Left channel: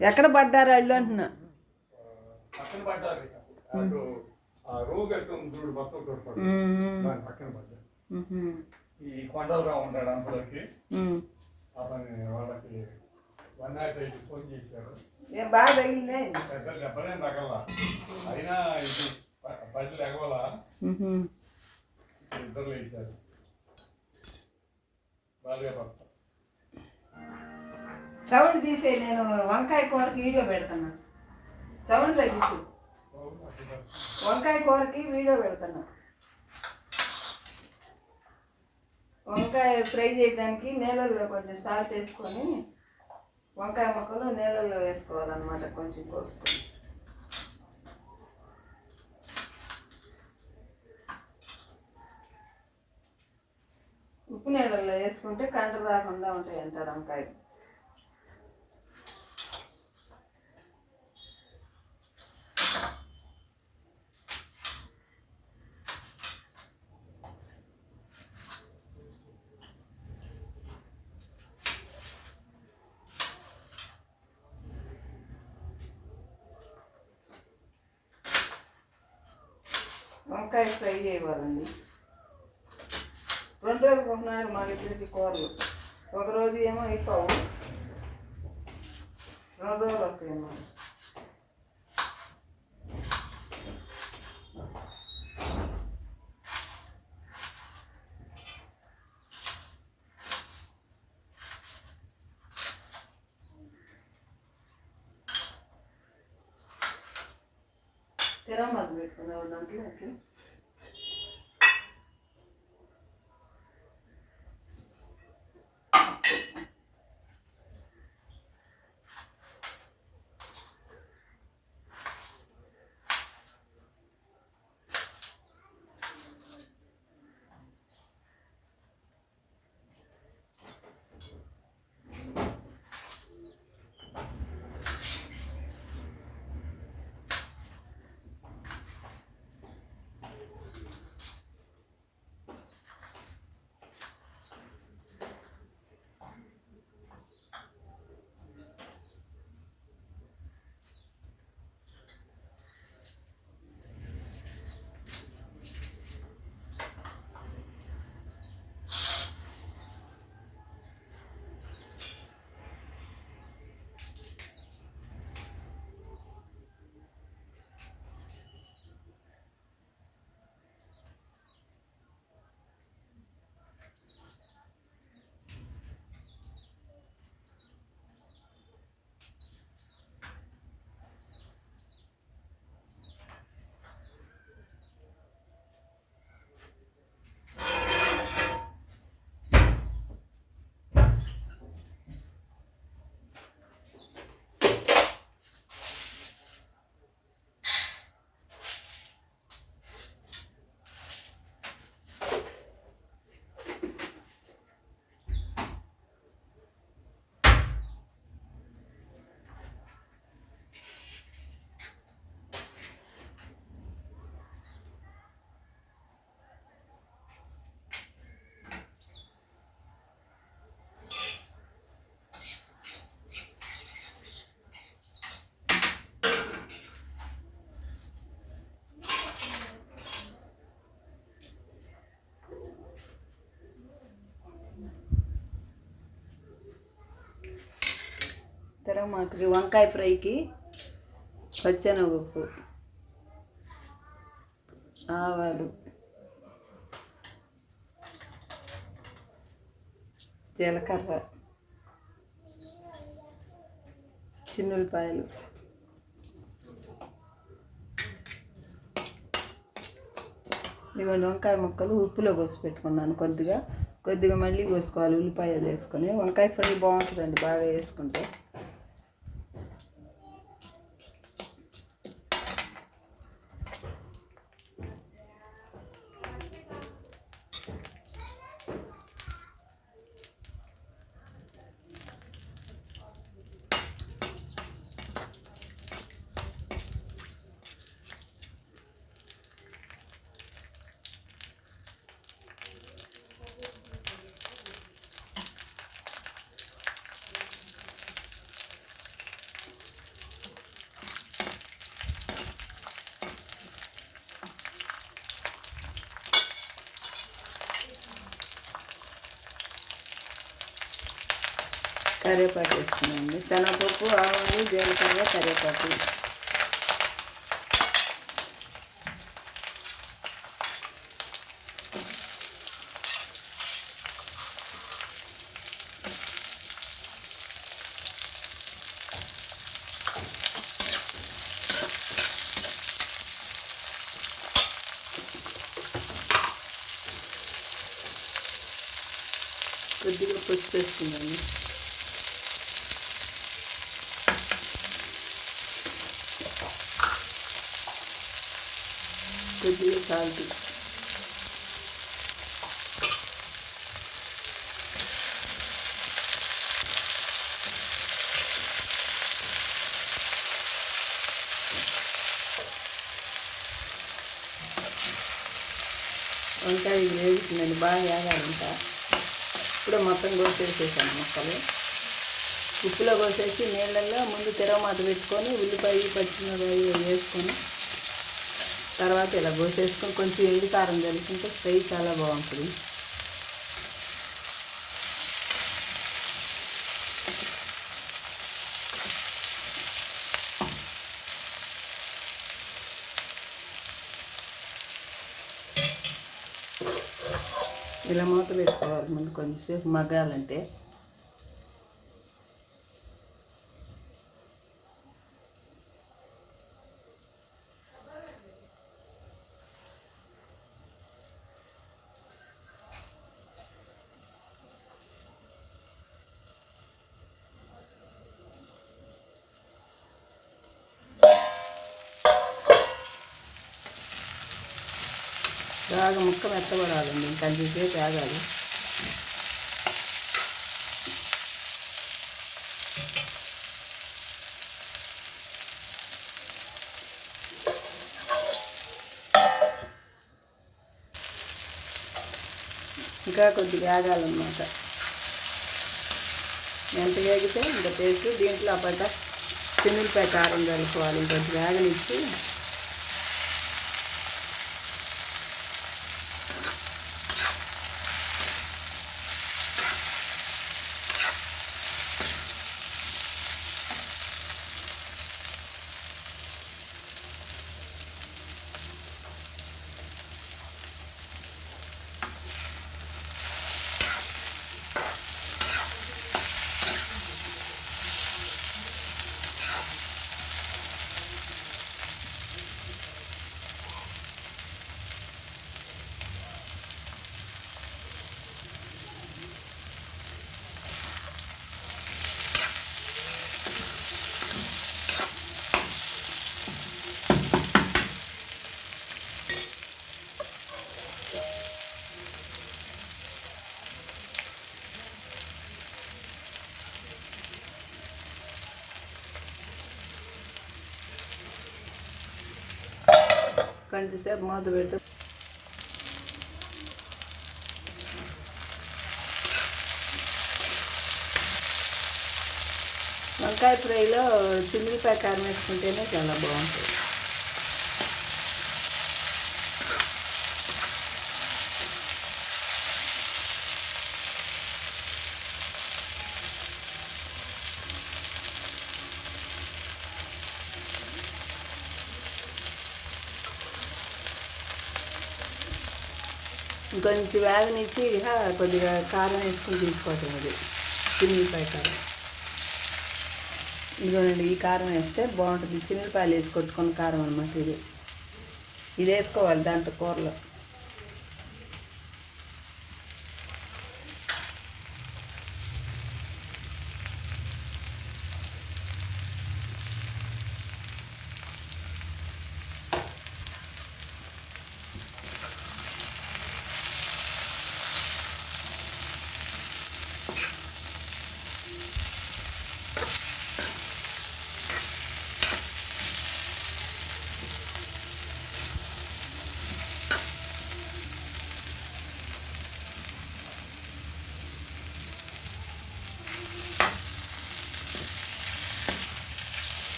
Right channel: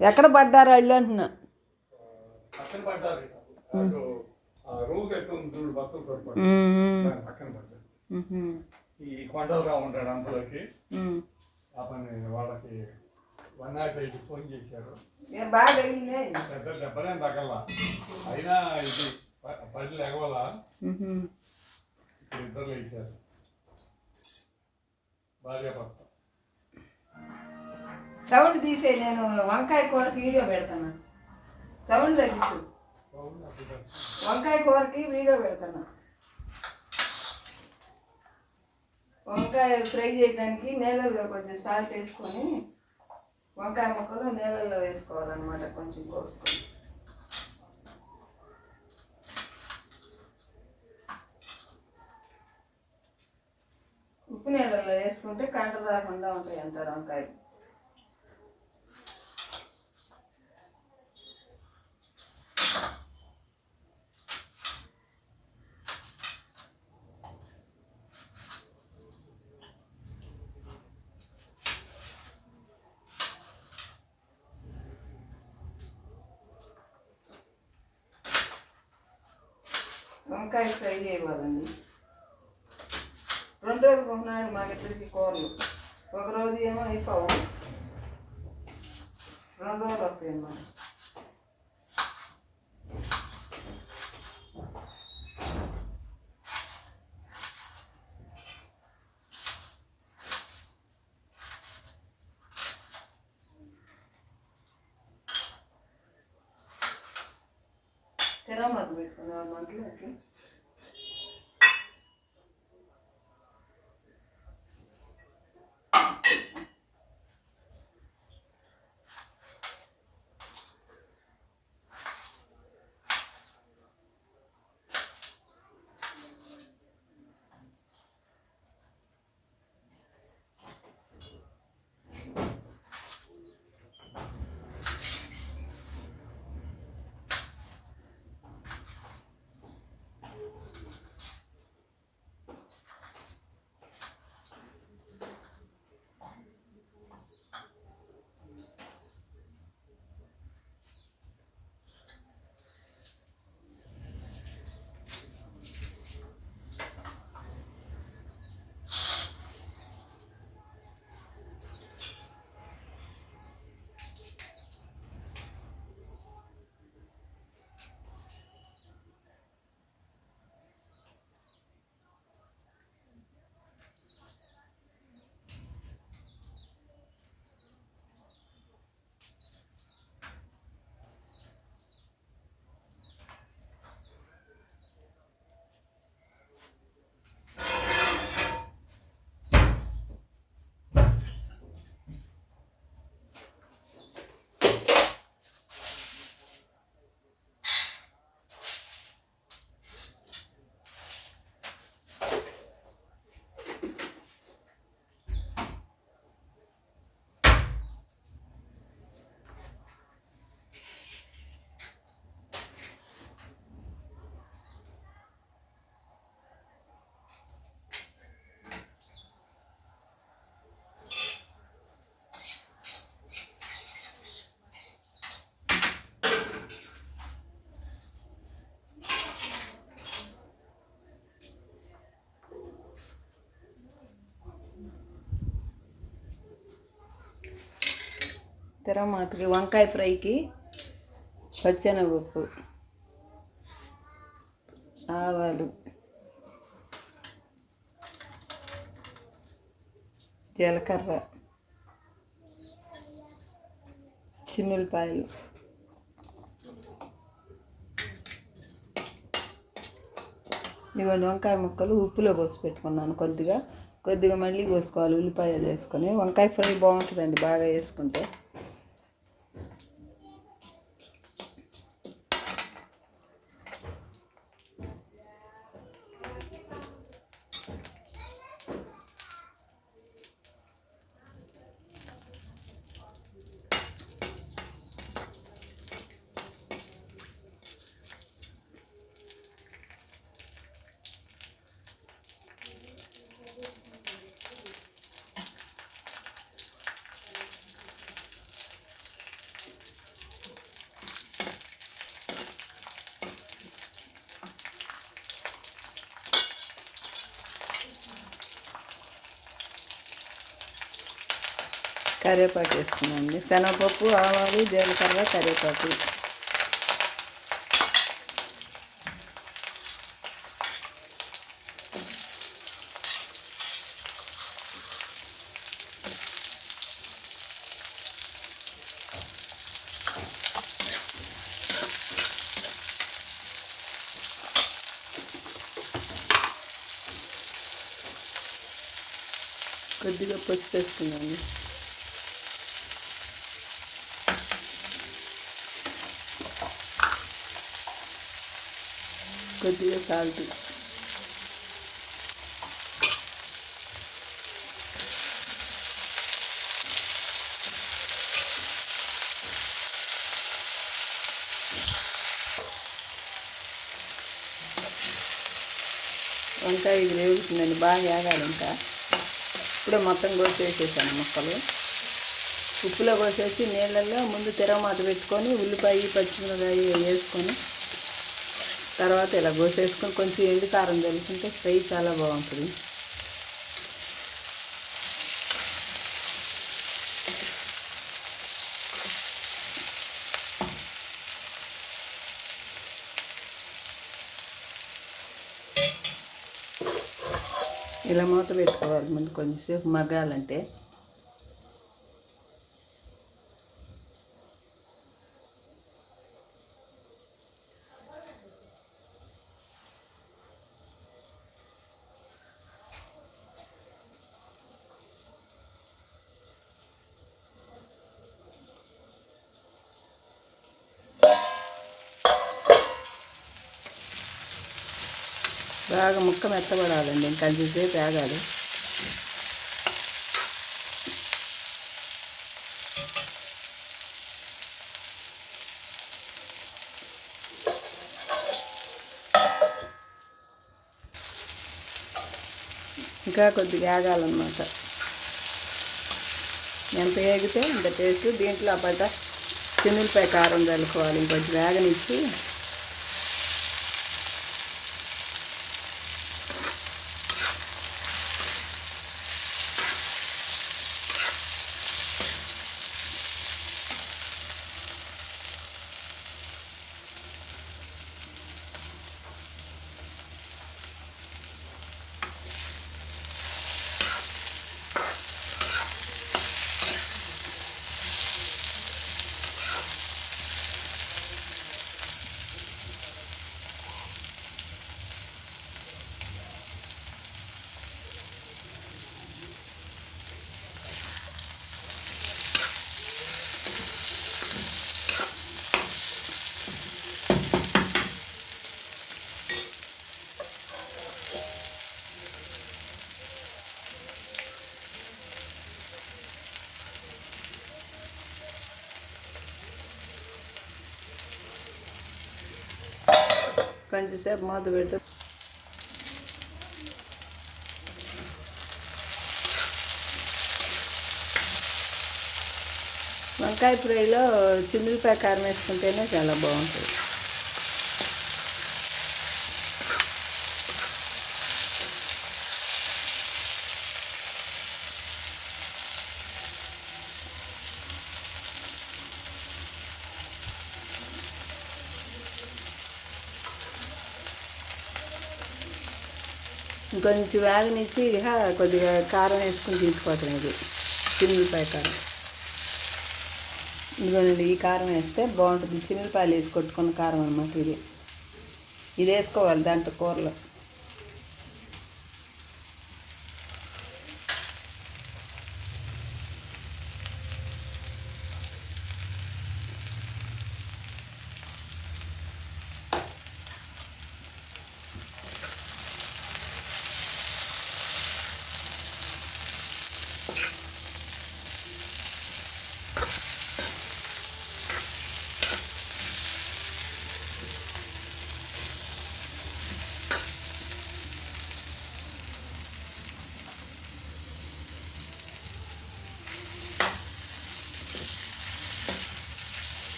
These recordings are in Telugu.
ఎక్కడ పడ్డారు వాళ్ళు అంటున్నా? ఈ కొండలరావు ఉంటాడు అందులోకి. అతని వాళ్ళకి వన్ నాట్ ఎయిట్ ఫోన్ చేశారు. ఏం బాగా తగిలిందే? పెద్ద దెబ్బలేం తగల. అయినా ఇది ఎగవల. ఇద్దరు లేచారు. భార్య భర్త సౌండ్ తీసే నేను వంకాయ కూరకి వీడియో పెడతాను. సౌండ్ తగ్గించు వంకాయ కూరకి వీడియో పెడతాను. వంకాయ ఫ్రై చేయడానికి నీళ్ళల్లో కొంచెం సాల్ట్ వేసుకొని వంకాయ ముక్కలు నీళ్ళల్లో వేసుకోవాలన్నమాట కొంచెం కోసుకొని. ఉప్పు నీళ్ళల్లో వేసుకుంటే కంట రాకుండా ఉంటాయి అంటారు వంకాయ వంకాయ ఫ్రై చేయాలండి. రెండు రోజులు కొంటున్నాడు మాకు ఇప్పటికి కూరలు. ఒక రోజు ఏమో అయిపోవు. రెండు రోజులు వస్తాయి అన్నమాట. తిరమత పెట్టుకున్నావు దాంట్లోకి తిరమాతకి వంకాయ ఫ్రైకి పచ్చెనగప్పు ఆవాలు జీలకర్ర చిన్నులపాయలు. ఇవన్నీ వంకాయ ముక్కలు ఉప్పులో కోసి పెట్టుకున్నాను కొద్దిగా. కొద్దిగా మళ్ళీ కోసుకోవాలి ఉల్లిపాయలు వేసుకొని. వంకాయ ఫ్రై బాగుంటుందండి బాగా వేసుకుంటే. కరివేపాకు వేసుకున్నాండి శనగపప్పు ఆవాలు జీలకర్ర కరివేపాకు కొద్దిగా పసుపు వేసుకున్నాను. కొద్దిగా సాల్ట్ వంకాయ ఇది వేగుతుందండి బాగా వేగాలంట. ఇప్పుడే మొత్తం కోసేసేసాను ముక్కలు. ఉప్పులో కోసేసి నీళ్ళల్లో ముందు తిరగమాత పెట్టుకొని ఉల్లిపాయ పచ్చిమిరకాయ వేసుకొని తర్వాత ఇలా కోసేసుకొని కొంచెం ఎండు కారం తెలుసుకుంటే ఫ్రై చాలా బాగుంటుంది. ఇలా మూత పెట్టుకోవాలి. ముందు కొంచెంసేపు మగ్గాలంటే బాగా ముక్క మెత్తబడాలండి. ఇంకా కొంచెంసేపు ఇంకా కొద్దిగా వేగాలన్నమాట. ఎంత వేగితే ఇంత టేస్ట్. దీంట్లో పడ్డ చిన్నపై కారం కలుపుకోవాలి. ఇంకొద్దిగా వేగనిచ్చి కొంచెంసేపు మూత పెట్టి వంకాయ ఫ్రైలో చిల్లిపాయ కారం వేసుకుంటేనే చాలా బాగుంటుంది ఇంకొంచెం వేగనిచ్చి ఇక కొద్దిగా కారం వేసుకొని తీసుకోవటం ఇది. చిన్నపాయ కారం. ఇదిగోనండి ఈ కారం వేస్తే బాగుంటుంది. చిన్నపాయలు వేసి కొట్టుకున్న కారం అనమాట ఇది. ఇది వేసుకోవాలి దాంట్లో కూరలో.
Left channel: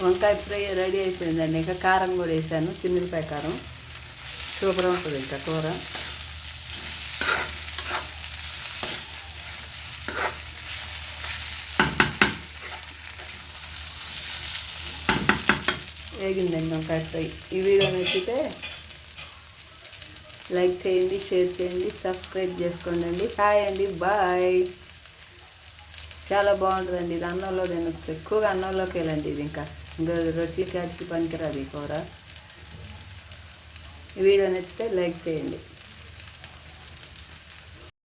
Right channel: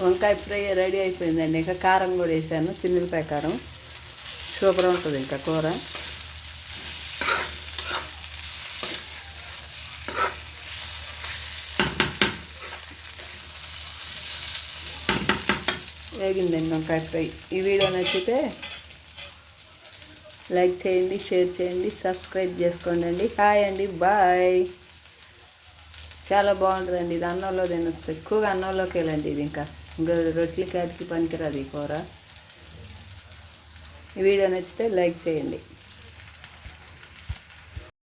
వంకాయ ఫ్రై రెడీ అయిపోయిందండి. ఇంకా కారం కూడా వేసాను. చిన్నపాయ కారం. సూపర్ ఉంటుంది ఇంకా కూర. వేగిందండి వంకాయ ఫ్రై. ఈ వీడియో నచ్చితే లైక్ చేయండి షేర్ చేయండి సబ్స్క్రైబ్ చేసుకోండి అండి. హాయ్ అండి బాయ్. చాలా బాగుంటుందండి. ఇది అన్నంలో తినొచ్చు. ఎక్కువగా అన్నంలోకి వెళ్ళండి ఇది ఇంకా. ఇంకా రొట్టెలకి అడికి పనికిరాదు ఈ కూర. వీడియో నచ్చితే లైక్ చేయండి.